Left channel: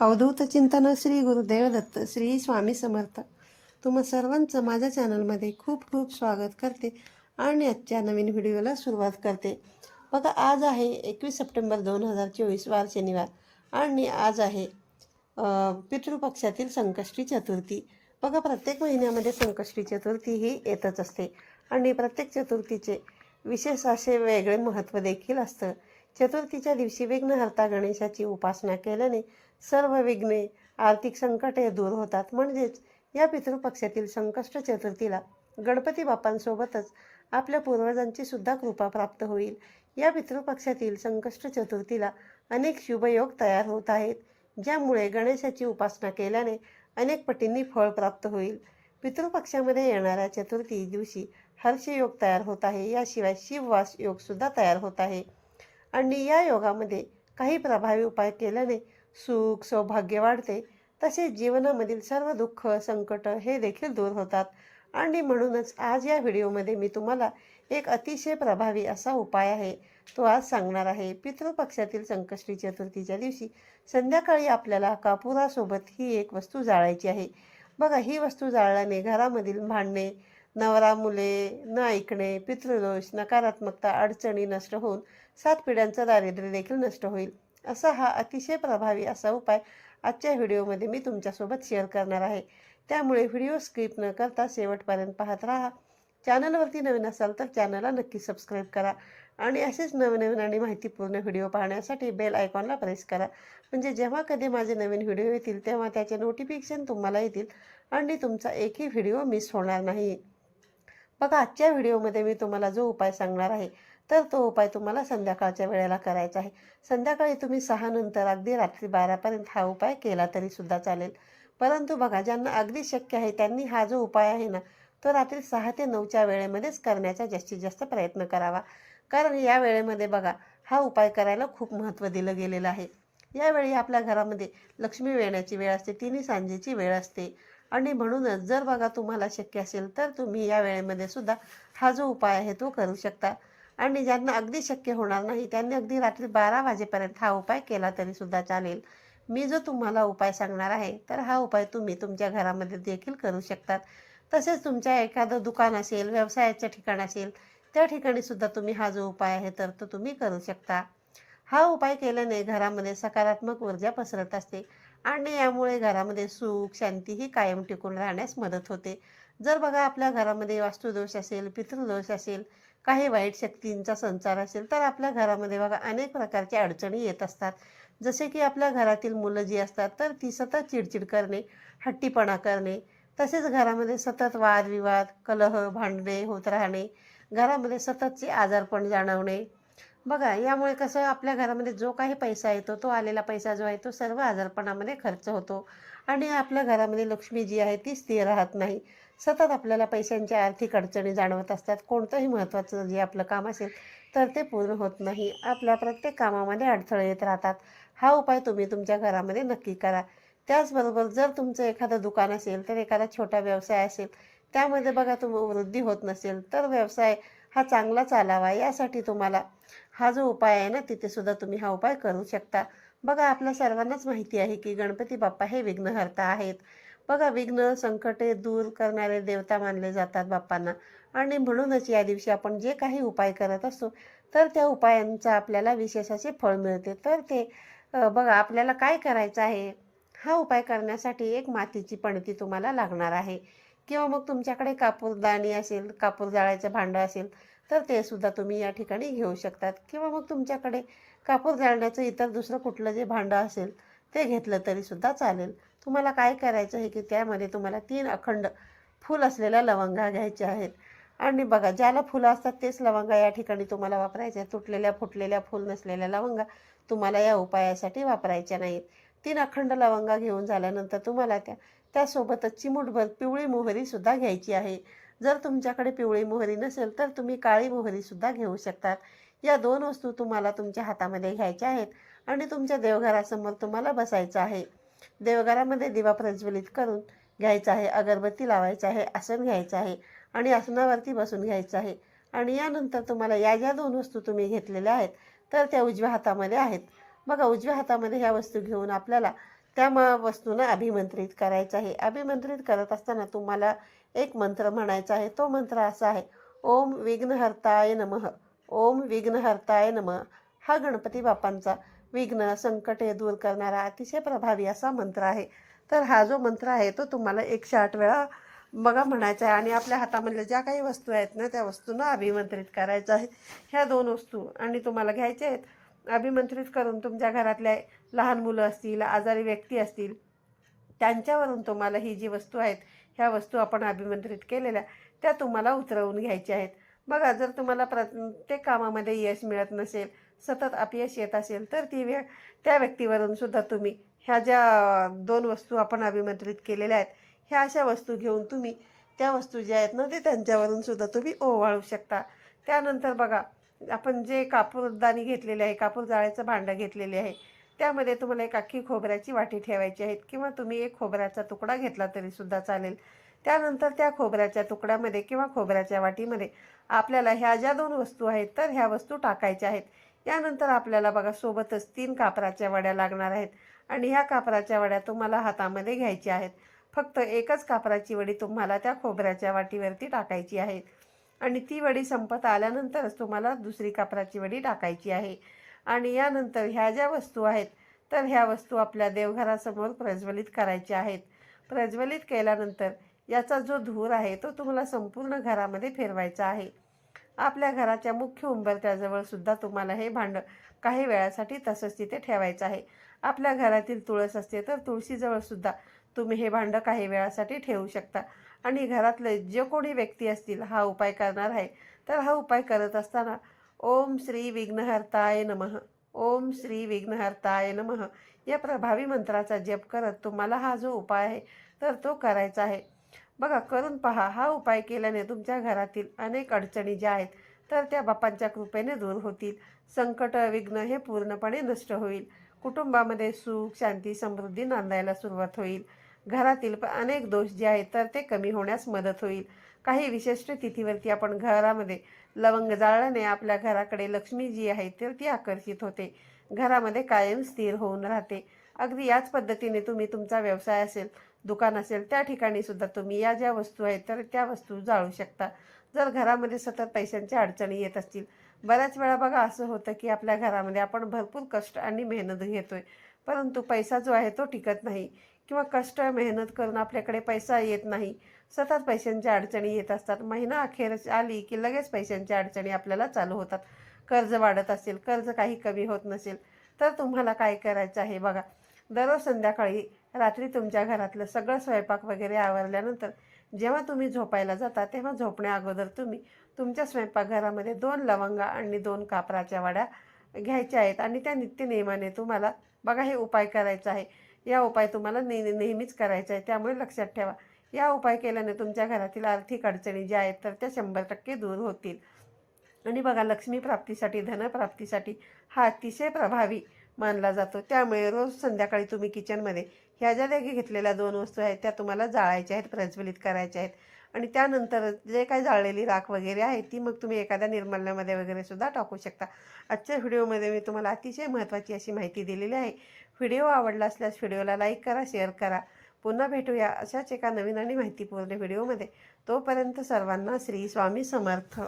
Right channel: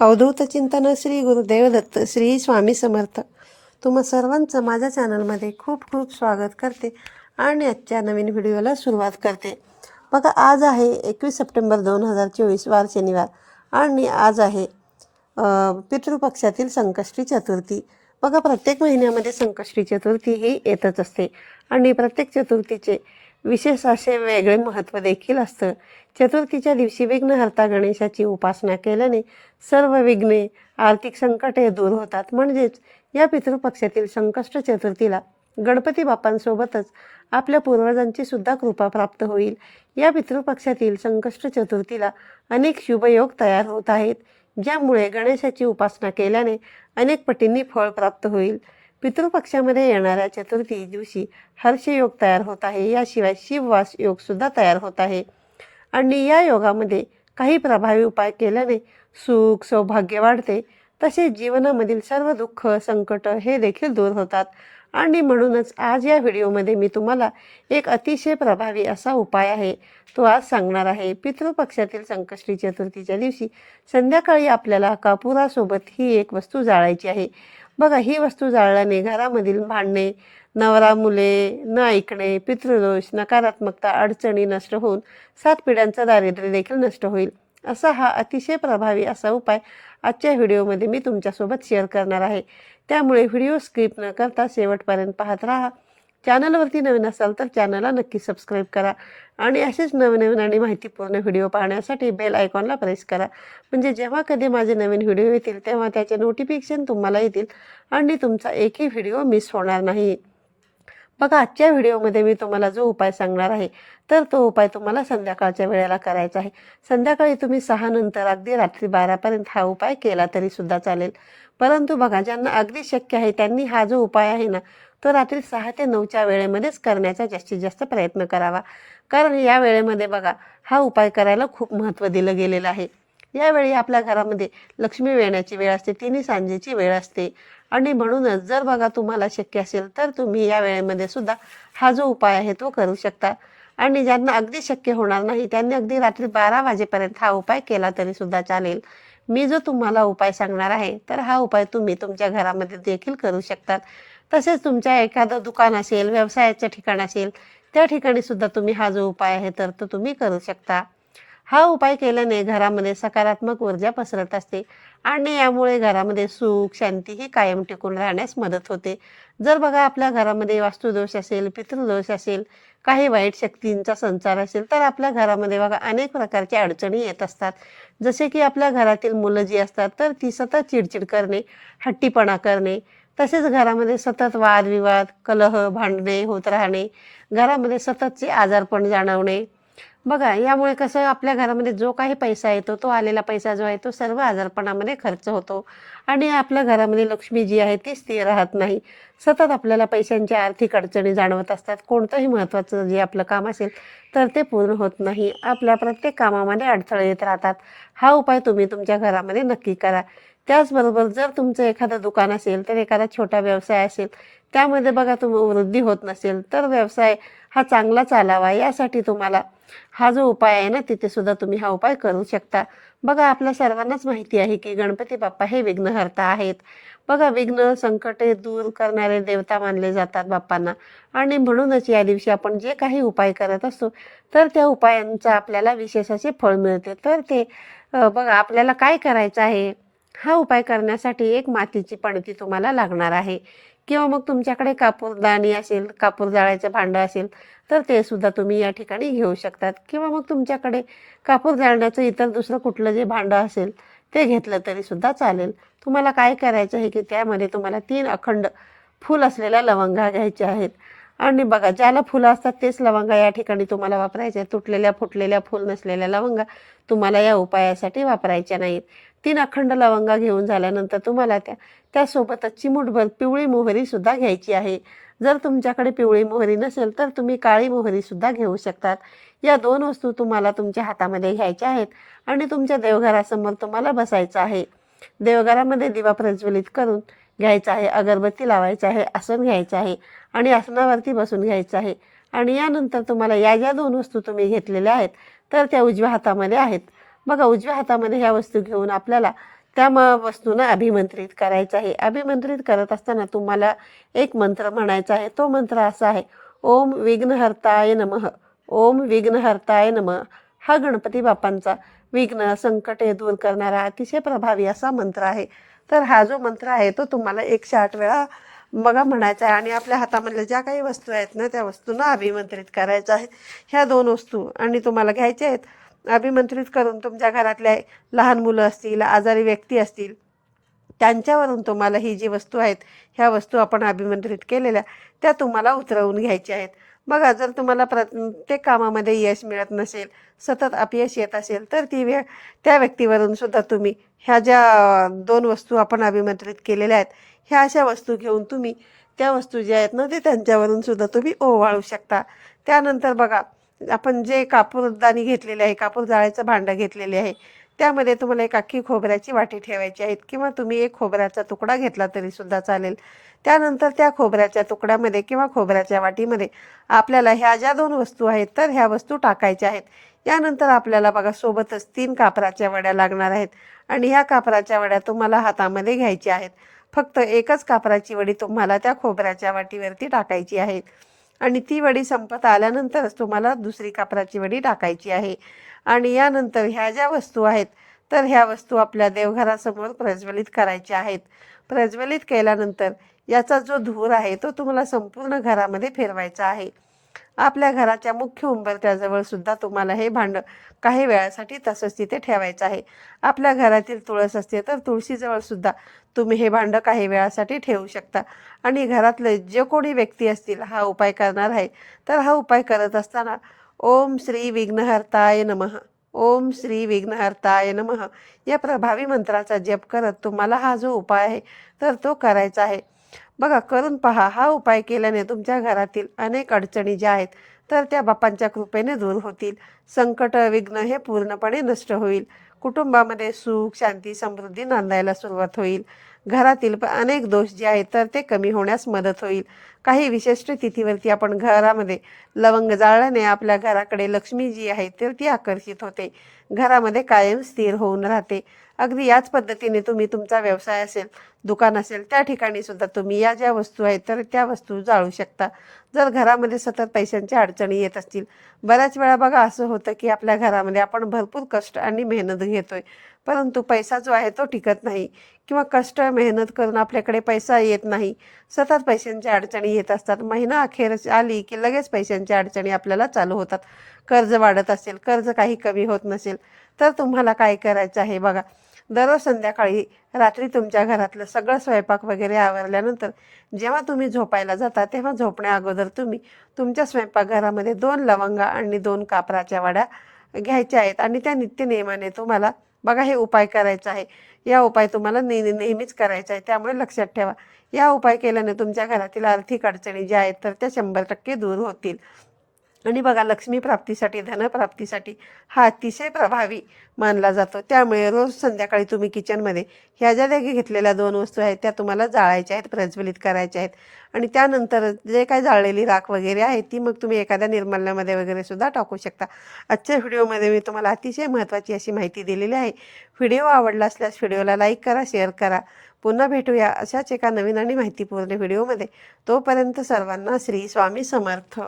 अवधूत चिंतन श्री गुरुदेव दत्त श्री स्वामी समर्थ. तुम्हा सर्वांचं माझ्या चॅनलमध्ये खूप खूप स्वागत करते आणि आजच्या नवीन व्हिडिओला सुरुवात करते. बघा आज आहे एकवीस सप्टेंबर दोन हजार चोवीस वार शनिवार आणि आज आहे पितृपक्षातील संकष्टी चतुर्थी. बघा प्रत्येक महिन्यामध्ये संकष्टी चतुर्थी ही येतच असते आणि प्रत्येक चतुर्थीचे विशेष असे वेगळे महत्त्व देखील असतं. चतुर्थीच्या दिवशी विघ्नहर्ता गणेशाची उपासना केल्याने सर्व विघ्ने आर्थिक संकटे दूर होतात. म्हणजेच या पितृपक्षातील संकष्ट चतुर्थीला गणपती बाप्पांसोबतच आपल्या पूर्वजांची सुद्धा कृपा प्राप्त होईल. या पितृपक्षातील संकष्ट चतुर्थीला अनेक शुभयोग तयार होत आहेत ज्यामुळे गणेशाची उपासना केल्याने अनेक पटींनी फळ प्राप्त होईल. पितृपक्षामध्ये येणाऱ्या चतुर्थी दिवशी हर्षयोग तयार होत आहे. याशिवाय शिववास योगसुद्धा तयार होत आहे. आणि या योगामध्ये काही प्रभावी उपाय केल्याने सुख सौभाग्य वाढते. तसेच जीवनामधील सर्व दुःख संकट हे देखील दूर होतात. आणि म्हणूनच आज या व्हिडिओमध्ये मी तुम्हाला एक अतिशय प्रभावी असा उपाय आहे तो आज सांगणार आहे. पितृपक्षातील संकष्टी चतुर्थीच्या दिवशी संध्याकाळी आपल्याला कापुरासोबत ही एक वस्तू जाळायची आहे. बघा ही वस्तू जाळल्याने घरामधील भांडणे नवरा मुले न ऐकणे पितृदोष नकारात्मकता अडचणी नष्ट होऊन सात पिढ्यांचं दारिद्र्य देखील नष्ट होईल. असा हा अतिशय प्रभावी असा उपाय आजच्या व्हिडिओमध्ये मी तुमच्यासोबत शेअर करणार आहे. त्यामुळे व्हिडिओ स्किप न करता शेवटपर्यंत पाहत राहा. चॅनलवरती नवीन असाल तर चॅनलला नक्की सबस्क्राईब करा. आणि असेच नवनवीन आणि माहितीपूर्ण व्हिडिओ पाहण्यासाठी बेल आयकॉनला प्रेस करा. म्हणजे जेव्हा कधी माझे नवीन व्हिडिओ येतील तेव्हा त्याचे नोटिफिकेशन तुम्हाला येतील आणि तुमचा एकही व्हिडिओ मिस होणार नाही. बघा आजच्या व्हिडिओमध्ये मी तुम्हाला जो उपाय सांगणार आहे तर तो उपाय तुम्हाला संध्याकाळच्या वेळेला करायचा आहे. संध्याकाळी तुम्ही सहा नंतर अगदी रात्री बारापर्यंत हा उपाय केला तरीसुद्धा चालेल. परंतु बघा ज्यांना अगदी शक्य आहे त्यांनी हा जो उपाय आहे ना तो रात्री सहा ते नऊच्या वेळेमध्येच करण्याचा जास्तीत जास्त प्रयत्न करावा. कारण या वेळेमध्ये बघा हा उपाय करायला खूप महत्त्व दिलं गेलेलं आहे. यावेळी आपल्या घरामध्ये लक्ष्मी वेण्याची वेळ असते तिन्ही सांजेची वेळ असते. आणि म्हणूनच जर बघा तुम्हाला शक्य असेल तर तुम्ही या वेळेमध्ये सुद्धा हा जो उपाय आहे तो करू शकता. आणि ज्यांना अगदी शक्य होणार नाही त्यांनी अगदी रात्री बारा वाजेपर्यंत हा उपाय केला तरी सुद्धा चालेल. मी जो तुम्हाला उपाय सांगणार आहे तर हा उपाय तुम्ही तुमच्या घरामध्ये देखील करू शकतात तसेच तुमच्या एखादं दुकान असेल व्यवसायाचं ठिकाण असेल त्या ठिकाणी सुद्धा तुम्ही हा जो उपाय आहे तर तो तुम्ही करू शकता. हा उपाय केल्याने घरामध्ये सकारात्मक ऊर्जा पसरत असते आणि यामुळे घरामध्ये सुख शांती ही कायम टिकून राहण्यास मदत होते. जर बघा आपल्या घरामध्ये वास्तुदोष असेल पितृदोष असेल काही वाईट शक्तींचा संचार असेल तर आपल्या घरामध्ये बघा अनेक प्रकारच्या अडचणी येत असतात. जसे की आपल्या घरातील मुलं जी असतात तर ती सतत चिडचिड करणे हट्टीपणा करणे तसेच घरामध्ये सतत वादविवाद कलह भांडणे होत राहणे घरामध्ये सततचे आजारपण जाणवणे. बघा यामुळे कसं आपल्या घरामध्ये जो काही पैसा येतो तो आलेला पैसा जो आहे तो सर्व आजारपणामध्ये खर्च होतो. आणि आपल्या घरामध्ये लक्ष्मी जी आहे ती स्थिर राहत नाही. सतत आपल्याला पैशांच्या आर्थिक अडचणी जाणवत असतात. कोणतंही महत्त्वाचं जे आपलं काम असेल तर ते पूर्ण होत नाही. आपल्या प्रत्येक कामामध्ये अडथळे येत राहतात. हा उपाय तुम्ही तुमच्या घरामध्ये नक्की करा. त्याचबरोबर जर तुमचं एखादं दुकान असेल तर एखादा छोटा व्यवसाय असेल त्यामध्ये बघा तुम वृद्धी होत नसेल तर व्यवसाय हा चांगला चालावा. यासाठी तुम्हाला हा जो उपाय आहे ना तिथे सुद्धा तुम्ही हा उपाय करू शकता. बघा आपल्या सर्वांनाच माहिती आहे की गणपती बाप्पा हे विघ्नहर्ता आहेत. बघा विघ्न संकटे दूर करणारे देवता मानले जातात बाप्पांना. आणि म्हणूनच या दिवशी आपण जे काही उपाय करत असतो तर त्या उपायांचा आपल्याला विशेष असे फळ मिळते. तर ते बघा आपल्याला काय करायचं आहे? हा उपाय करण्यासाठी एक मातीची पणती तुम्हाला लागणार आहे. किंवा मग तुमच्याकडे कापूरदाणी असेल कापूर जाळायचं भांडं असेल तर ते सुद्धा तुम्ही या ठिकाणी घेऊ शकतात. किंवा मग तुमच्याकडे कापूर जाळण्याचं इतर दुसरं कुठलं जे भांडं असेल ते घेतलं तरी सुद्धा चालेल. तुम्हाला काय करायचं आहे की त्यामध्ये तुम्हाला तीन अखंड फूल असलेल्या लवंगा घ्यायच्या आहेत. आणि बघा ज्याला फुलं असतात तेच लवंगा या ठिकाणी तुम्हाला वापरायचे आहेत. तुटलेल्या फुटलेल्या फुल नसलेल्या लवंगा तुम्हाला या उपायासाठी वापरायच्या नाहीत. तीन अखंड लवंगा घेऊन झाल्यानंतर तुम्हाला त्या त्यासोबतच चिमूटभर पिवळी मोहरीसुद्धा घ्यायची आहे. जर तुमच्याकडे पिवळी मोहरी नसेल तर तुम्ही काळी मोहरीसुद्धा घेऊ शकतात. या दोन वस्तू तुम्हाला तुमच्या हातामध्ये घ्यायच्या आहेत आणि तुमच्या देवघरासमोर तुम्हाला बसायचं आहे. देवघरामध्ये दिवा प्रज्वलित करून घ्यायचा आहे अगरबत्ती लावायचं आहे आसन घ्यायचं आहे आणि आसनावरती बसून घ्यायचं आहे. आणि यानंतर तुम्हाला या ज्या दोन वस्तू तुम्ही घेतलेल्या आहेत तर त्या उजव्या हातामध्ये आहेत. बघा उजव्या हातामध्ये ह्या वस्तू घेऊन आपल्याला त्या म वस्तूंना अभिमंत्रित करायचं आहे. अभिमंत्रित करत असताना तुम्हाला एक मंत्र म्हणायचा आहे. तो मंत्र असा आहे ओम विघ्नहर्ताय नमः. ओम विघ्नहर्ताय नमः. हा गणपती बाप्पांचा विघ्न संकटे दूर करणारा अतिशय प्रभावी असा मंत्र आहे. तर हा जो मंत्र आहे तो तुम्हाला एकशे आठ वेळा बघा म्हणायचा आहे. आणि आपल्या हातामधल्या ज्या काही वस्तू आहेत ना त्या वस्तूंना अभिमंत्रित करायचं आहे. ह्या दोन वस्तू आणि तुम्हाला घ्यायच्या आहेत. अभिमंत्रित करून तुमच्या घरातल्या लहान मुलं असतील आजारी व्यक्ती असतील त्यांच्यावरून तुम्हाला ही जी वस्तू आहेत ह्या वस्तू आपण अभिमंत्रित केलेल्या त्या तुम्हाला उतरवून घ्यायच्या आहेत. बघा जर तुम्हाला प्रत्येक कामामध्ये यश मिळत नसेल सतत अपयश येत असेल तर ती व्य त्या व्यक्तीवरून सुद्धा तुम्ही ह्या ज्या दोन वस्तू आपण अभिमंत्रित केलेल्या आहेत ह्या अशा वस्तू घेऊन तुम्ही त्या वस्तू ज्या आहेत ना ते त्यांच्यावरून सुद्धा तुम्ही ओवाळू शकता. त्यानंतर बघा आपण जे कापूरदानी घेतलेले आहे कापूर जाळायचं भांडं घेतलेले आहे त्यामध्ये तुम्हाला एक अख्खी खोबऱ्याची वाटी ठेवायची आहेत किंवा तुम्ही एक खोबऱ्याचा तुकडा घेतला तरीसुद्धा चालेल. त्यानंतर त्या खोबऱ्याच्या तुकड्यामध्ये किंवा खोबऱ्याच्या वाटीमध्ये आपल्याला ह्या ज्या दोन वस्तू आहेत तर ह्या वस्तू टाकायच्या आहेत. यानंतर आपल्याला बघा सोबतच तीन कापराच्या वड्या लागणार आहेत आणि ह्या कापराच्या वड्या तुम्हाला हातामध्ये घ्यायच्या आहेत. फक्त एकच कापराची वडी तुम्हाला त्या खोबऱ्याच्या वाटीवरती टाकायची आहे. आणि ती वडी संपत आल्यानंतरच तुम्हाला दुसरी कापराची वडी टाकायची आहे. आणि यानंतर ह्या ज्या वस्तू आहेत तर ह्या वस्तू आपल्या देवघरासमोर प्रज्वलित करायच्या आहेत. प्रज्वलित केल्यानंतर याचा जो धूर आहे तो तुम्हाला संपूर्ण घरामध्ये फिरवायचा आहे. आपल्या घराच्या मुख्य उंबरत्याजवळ सुद्धा तुम्हाला हे भांड काही वेळासाठी तसंच तिथे ठेवायचं आहे. आपल्या घरातील तुळस असते तर तुळशीजवळ सुद्धा तुम्ही हे भांडं काही वेळासाठी ठेवू शकता. आणि घरातले जे कोणी व्यक्ती असतील हा उपाय करणार आहे. तर हा उपाय करत असताना ओम श्री विघ्नहर्ताय नमः. ओम श्री विघ्नहर्ताय नमः. या प्रभावी मंत्राचा जप करत तुम्हाला हा जो उपाय आहे तर तो करायचा आहे. बघा करून पहा. हा उपाय केल्याने तुमच्या घरातील अनेक अडचणी ज्या आहेत तर त्या बापांच्या कृपेने दूर होतील. संकट विघ्न हे पूर्णपणे नष्ट होईल. कुटुंबामध्ये सुख शांती समृद्धी नांदायला सुरुवात होईल. घरातील अनेक दोष जे आहेत तर ते कमी होण्यास मदत होईल. काही विशिष्ट तिथीवरती आपण घरामध्ये लवंग जाळल्याने आपल्या घराकडे लक्ष्मी जी आहे तर ती आकर्षित होते. घरामध्ये कायम स्थिर होऊन राहते. अगदी याच पद्धतीने तुम्ही तुमचा व्यवसाय असेल दुकान असेल त्या ठिकाणी सुद्धा तुम्ही या ज्या वस्तू आहेत तर त्या वस्तू जाळू शकता. जर घरामध्ये सतत पैशांच्या अडचणी येत असतील बऱ्याच वेळा बघा असं होतं की आपल्या घरामध्ये आपण भरपूर कष्ट आणि मेहनत घेतोय. परंतु पैसा जो आहे तो टिकत नाही किंवा कष्ट मेहनत करून आपल्याकडे पैसा येत नाही. सतत पैशांच्या अडचणी येत असतात. महिना अखेर आली की लगेच पैशांच्या अडचणी आपल्याला चालू होतात. कर्ज वाढत असेल कर्ज काही कमी होत नसेल तर तुम्हाला काय करायचं आहे बघा. दररोज संध्याकाळी रात्री तुमच्या घरातलं सगळं स्वयंपाक वगैरे आवरल्यानंतर जेव्हा तुम्ही झोपायला जाता तेव्हा झोपण्या अगोदर तुम्ही तुमच्या स्वयंपाकघरामध्ये दोन लवंगा आणि दोन कापराच्या वाड्या घ्यायच्या आहेत आणि त्या नित्यनियमाने तुम्हाला बघा हे उपाय करायचा आहे. या उपाय तुम्हाला नेहमी नेहमीच करायचा आहे त्यामुळे लक्षात ठेवा. या उपाय केल्याने तुमच्या घरातील आर्थिक अडचणी ज्या आहेत तर त्या शंभर टक्के दूर होतील. आणि बघा लक्ष्मी प्राप्तीसाठी धनप्राप्तीसाठी हा अतिशय प्रभावी मानला जातो. त्यामुळे रोज संध्याकाळी तुम्ही किचनमध्ये ह्या ज्या जागी घेतलेल्या दोन वस्तू आहेत त्या तुम्हाला जाळायच्या आहेत प्रज्वलित करायच्या आहेत. आणि त्यानंतर जे काही जाळलेली राख वगैरे आहे ती मग तुम्ही एखाद्या निर्मल्यामध्ये वगैरे सुद्धा टाकू शकता. आजच्या व्हिडिओमध्ये मी तुम्हाला अतिशय महत्त्वाची अशी माहिती दिलेली आहे. व्हिडिओ आवडला असल्यास व्हिडिओला लाईक करा शेअर करा. पुन्हा भेटूया अशाच एका नवीन आणि माहितीपूर्ण व्हिडिओमध्ये. तोपर्यंत सर्वांना श्री स्वामी समर्थ.